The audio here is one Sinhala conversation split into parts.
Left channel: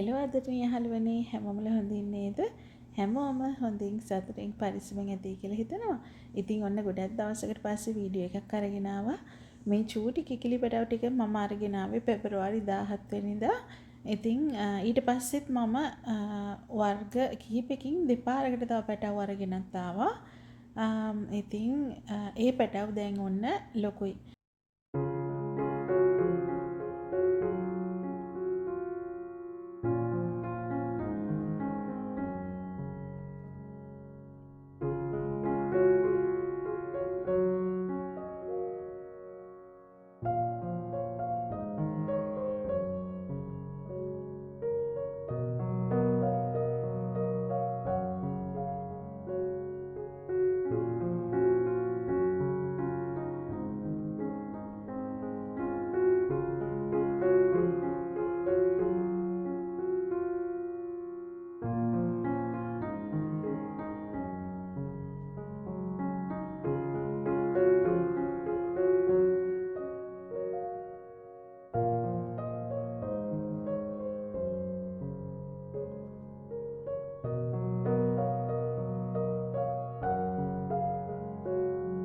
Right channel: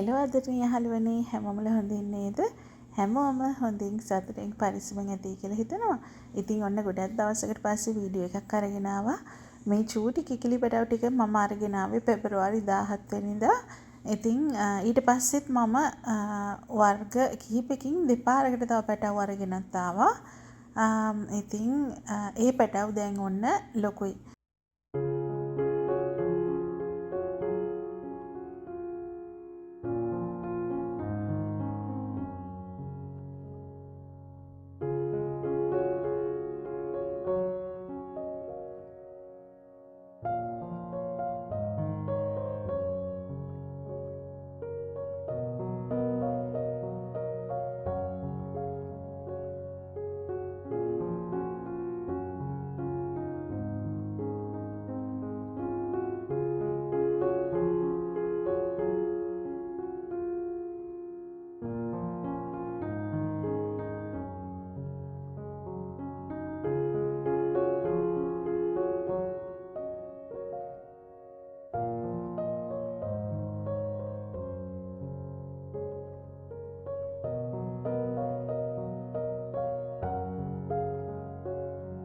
හෙලෝ ආදරණීය යහළුවනේ හැමෝමල හොඳින් නේද? හැමෝම හොඳින් සතුටින් පරිස්සමෙන් ඇති කියලා හිතනවා. ඉතින් ඔන්න ගොඩක් දවසකට පස්සේ වීඩියෝ එකක් අරගෙන ආවා. මේ චූටි කිකිලි පැටව ටික මම අරගෙන ආවේ පෙබරවාරි 17 වෙනිදා. ඉතින් ඊට පස්සෙත් මම වර්ග කිහිපකින් දෙපාරකට තව පැටව අරගෙනත් ආවා. ඉතින් ඒ පැටව දැන් ඔන්න ලොකුයි.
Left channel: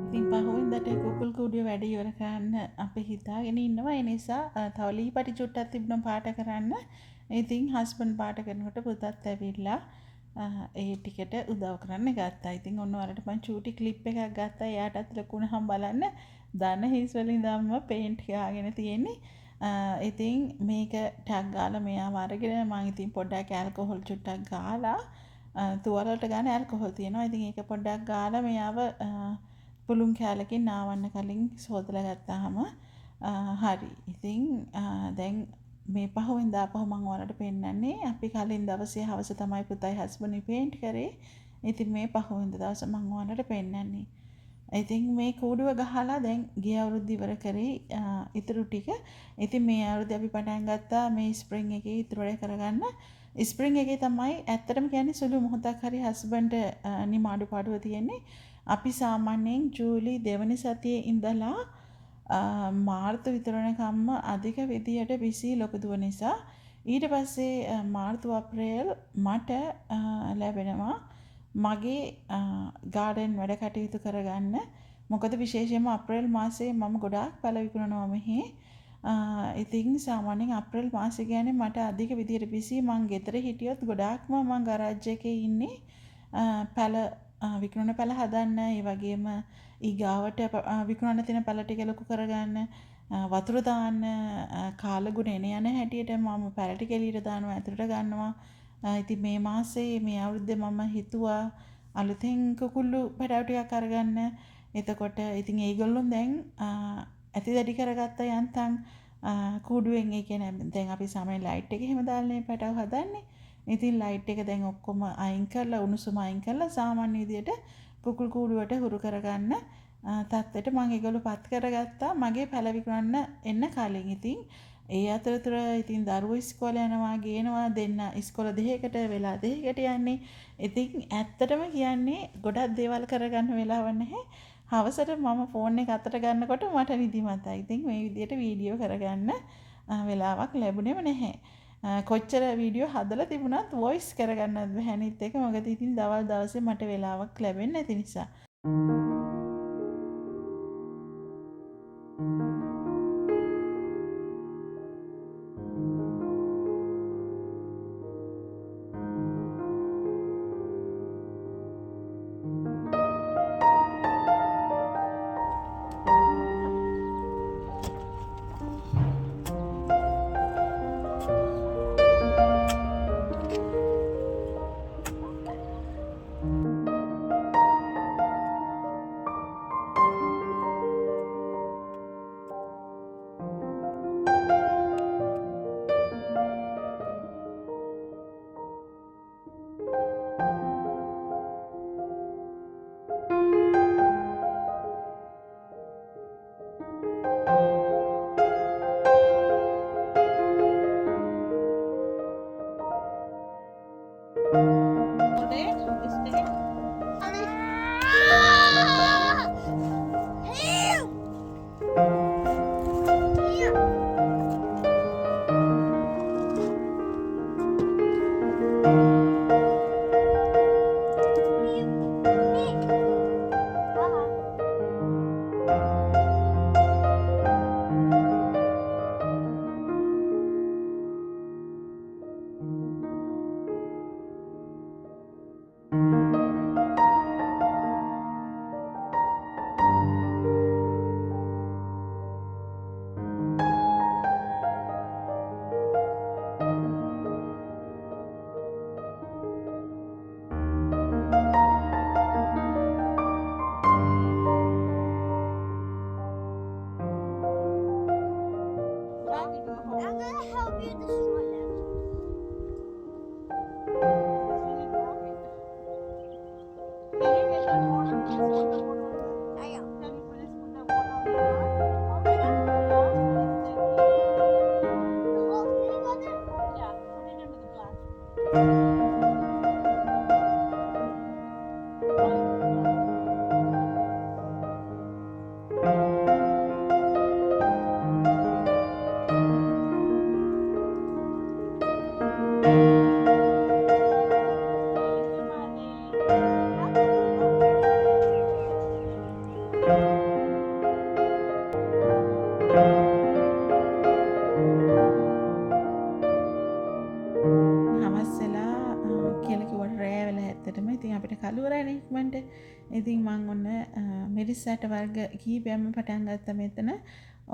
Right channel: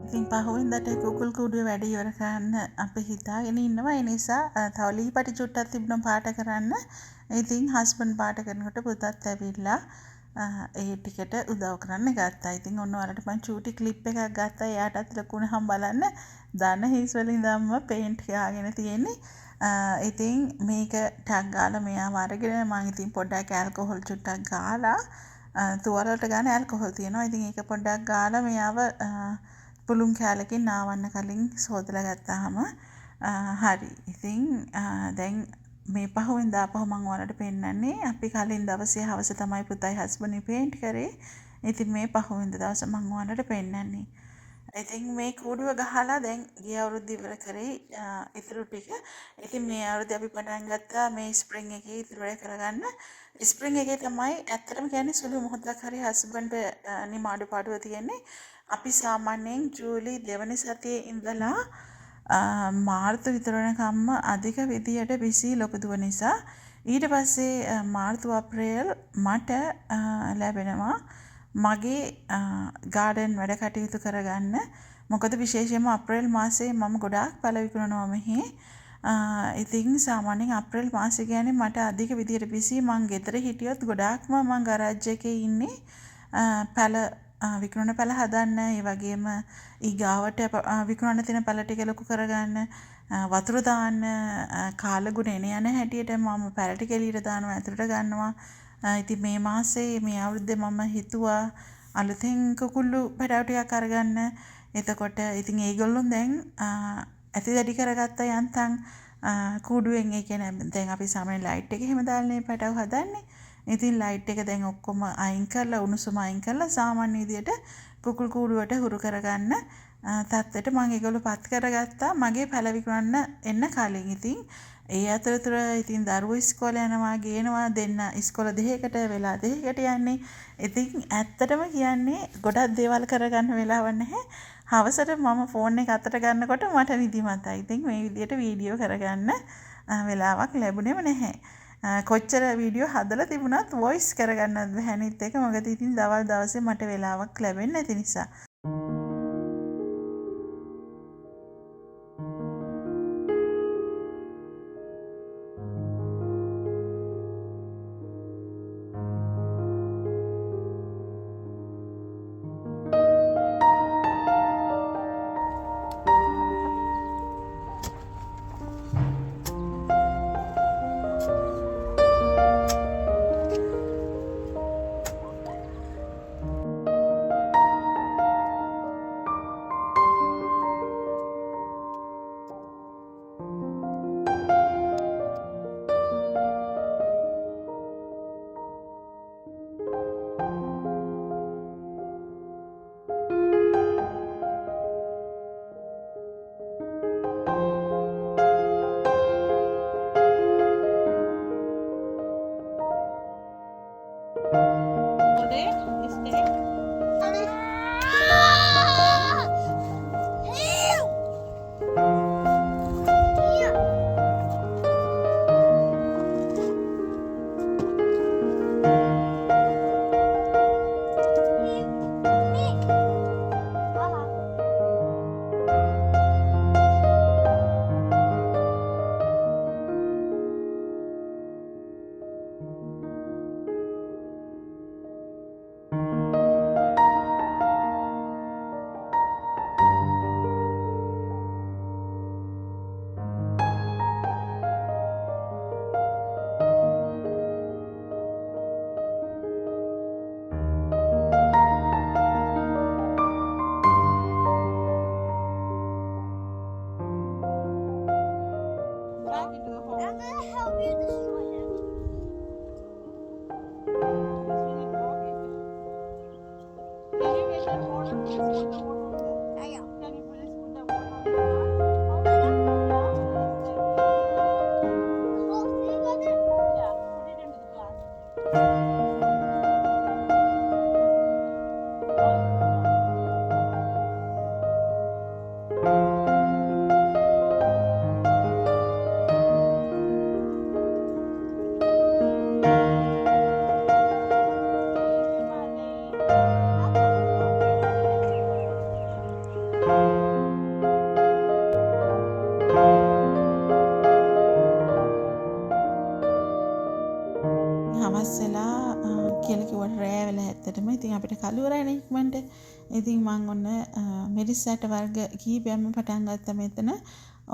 ඉතින් පහුවෙන්දට කුකුල් කූඩුවේ වැඩ ඉවර කරන්න අපි හිතාගෙන ඉන්නවා. ඒ නිසා තව ලී පටි චුට්ටක් තිබුණා පාට කරන්න. ඉතින් හස්බන්ඩ් පාට කරනකොට පුතත් ඇවිල්ලා ඒ ටිකට උදව් කරන්න ගත්තා. ඉතින් ඔන්න ඔයාලට මම චූටි ක්ලිප් එකක් ගත්තා. එයාටත් ලකුණහම් බලන්න. දන හිස් වලින් ධම්ම පේන්ට් ගාගෙන තියෙන්නේ. ඉතින් මේක ටැග් ගාලා මෙයාව අරගෙන මම ඉතින් පොඩ්ඩක් ඇල්කොහොල් චුට්ටක් ගාලා තුවාල වලට ගන්න ඇල්කොහොල් තියෙනවා. ඉතින් ඒක පොඩ්ඩක් ගාලා මෙයාව පුළුන් කෑල්ලකින් නාවන්න කලින් සෝදලා ගත්තාම හරි. ඉතින් දැන් මේ පහුවෙන්දා ආපහු මම ඔයාලට පෙන්නන්නේ අපි කලින් දවසේ හවස තමයි පුතයි හස්බන්ඩ්නි පේන්ට් කරේ. ඉතින් මේ පහුවෙන්දා දවස මම ඔයාලට පෙන්නන්නේ. ඉතින් මේ කූඩුව ගහලා දැන් ගිය අවුරුද්ද ඉවර කරේ ඉතුරු ටික. ඉතින් මේ අවුරුද්දේ අපි පටන් ගත්තා මේ ස්ප්‍රින්ග් එකේ ඉතුරු වැඩ කරගන්න. ස්ප්‍රින්ග් එකේ තමයි ඇත්තටම කියන්නේ සුළු මොහොතක් හරි හස්බන්ඩ් නිමාඩු පාඩුව තියෙන්නේ. අපි සාමාන්‍යයෙන් ජූලි දෙවන සතියේ ඉඳලා මාර්තු විතර වෙනකම්ම අධික විදියට බිසි ලොකු දුව නිසා ඊට පස්සේ මාර්තු අප්‍රේල් මට ලැබෙනවා මගේ ගාඩන් වැඩ කටයුතු කරගන්න. මොකද විශේෂයෙන්ම අප්‍රේල් මාසයේ මම ගොඩාක් පළ විකුණනවා මෙහි. ඉතින් සාමාන්‍යයෙන් අප්‍රේල් මාසය කියන්නේ මට අධික විදියට බිසි. මං ගෙදර හිටියොත් ගොඩාක්ම මං ගරාජ් එකේ ඉන්නේ පැළ විකුණන පැළ හදන්න, ඒ වගේම ඊගාවට විකුණන්න තියෙන පැළ ටික ලොකු කරගන්න, වතුර දාන්න, කාලගුණ එන යන හැටියට මම පැළ ටික එළියට දානවා, ඇතුළට ගන්නවා. ඉතින් මේ මාසේ මේ අවුරුද්දේ මම හිතුවා අලුතෙන් කුකුළු පැටව ටිකක් අරගන්න. එතකොට ඉතින් ඒගොල්ලෝ දැන් ඇති දැඩි කරගත්ත යන්තම් කූඩුවෙන්. ඒ කියන්නේ දැන් අපි සාමාන්‍ය ලයිට් එක එහෙම දාලානේ පැටව හදන්නේ. ඉතින් ලයිට් එක දැන් ඔක්කොම අයින් කරලා උණුසුම අයින් කරලා සාමාන්‍ය විදියට කුකුල් කූඩුවට හුරු කරගන්න තත්ත්වයට මම ඒගොල්ලෝ පත් කරගත්තා මගේ පැළ විකුණන්න එන්න කලින්. ඉතින් ඒ අතරතුර ඉතින් දරුවෝ ඉස්කෝලේ යනවා ගේනවා දෙන්න ඉස්කෝල දෙකකට වෙලා දෙකකට යන්නේ. ඉතින් ඇත්තටම කියන්නේ ගොඩක් දේවල් කරගන්න වෙලාවක් නැහැ. හවසට මම ෆෝන් එක අතට ගන්නකොට මට නිදිමතයි. ඉතින් මේ විදියට වීඩියෝ කරගන්න වෙලාවක් ලැබුණේම නැහැ. කොච්චර වීඩියෝ හදලා තිබුණත් වොයිස් කරගන්නත් බැහැ අනිත් එක. මොකද ඉතින් දවල් දවසේ මට වෙලාවක් ලැබෙන්නේ නැති නිසා. කළුවරයිනේ ඉක්මනට. ඉතින් මං ඔන්න මිරිස් ඇට වර්ග කීපයක්ම පටන් ගත්තා මෙතන.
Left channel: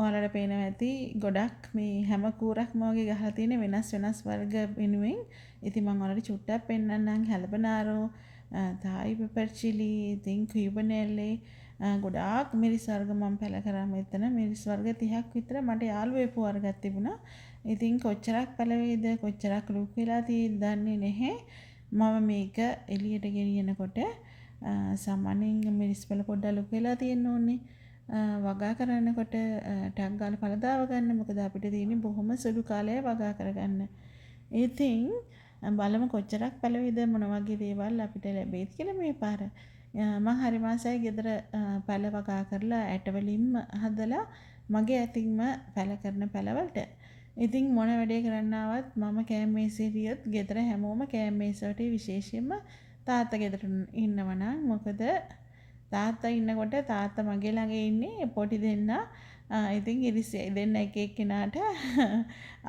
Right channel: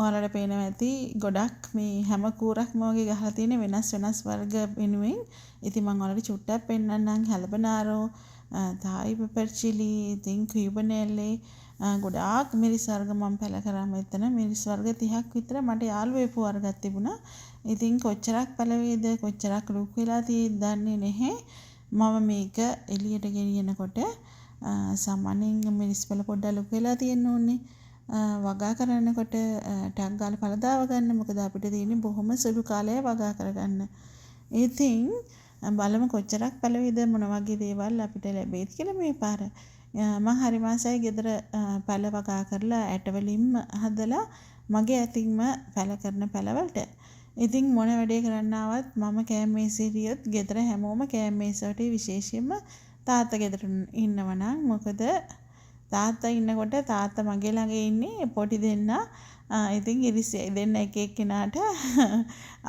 ඔයාලට පේනවා ඇති ගොඩක් මේ හැම කූරක්ම වගේ ගහලා තියෙන වෙනස් වෙනස් වර්ග වෙනුවෙන්. ඉතින් මං ඔයාලට චුට්ටක් පෙන්නන්නම්. හැලබනාරෝ, තායි පෙපර් චිලි, ඉතින් කියුබනේල්ලේ ගොඩාක් මිරිස් වර්ග මම පැල කරා මෙතන. මිරිස් වර්ග 30ක් විතර මට යාළුවෙපු වර්ගයක් තිබුණා. ඉතින් කොච්චරක් පැලවේද කොච්චරක් ලුක් වෙලා තියෙද්ද දන්නේ නැහැ. මම මේක එළියට ගෙනියනකොට සාමාන්‍යයෙන් මිරිස් පැල පොඩ්ඩක් ලුක් වෙලා තියෙන්න ඕනේ. වගා කරනකොට ටක් ගාලා පළදාව ගන්න. මොකද අපිට තියෙන්නේ බොහොම සුළු කාලයක් වගා කරගන්න. ඉතින් බලමු කොච්චරක් පැලවේද මොන වගේ දේවල් අපිට ලැබෙයිද කියලා මේ පාර. මම හරි මාසයි ගෙදර පැල වගා කරලා ඇට වලින්ම හදලා මගේ අතින්ම පැල කරන පැලවලට. ඉතින් මොන වැඩේ කරන්න ආවත් මම කෑම මේසේ හිටියොත් ගෙදර හැමෝම කෑම මේසයට විශේෂයෙන්ම තාත්තා ගෙදර ඉන්නවනම් මොකද තාත්තා ඉන්නකොට තාත්තා මගේ ළඟ ඉන්නේ පොඩි දෙන්නා. ඉතින් ඉරිසියයි දෙන්න එක එක්කෙනාට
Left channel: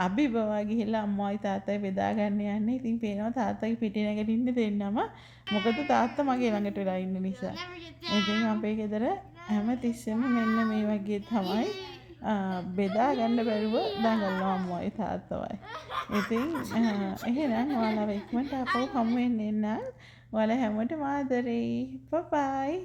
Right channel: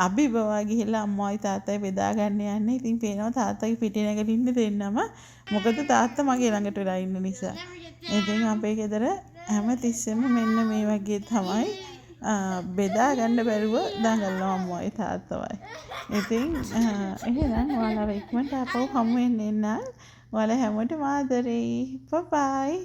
අභිබවා ගිහිල්ලා අම්මයි තාත්තයි බෙදා ගන්න යන්නේ. ඉතින් පේනවා තාත්තගේ පිටේ නැගිටින්න දෙන්නම. මොකද තාත්තා මගේ ළඟට වෙලා ඉන්න නිසා. ඉතින් අපේ ගෙදර හැම තිස්සෙම මෙන්න මේ වගේ තමයි බෙදා ගන්න බැරුව දඟලනවා අම්මයි තාත්තවයි. ඉතින් එහෙනම් ඔයාලව ඉක්මනට ආපහු හමු වෙන්න එන්න. ඔයාලා හැමෝටම ආදරෙයි. බයි.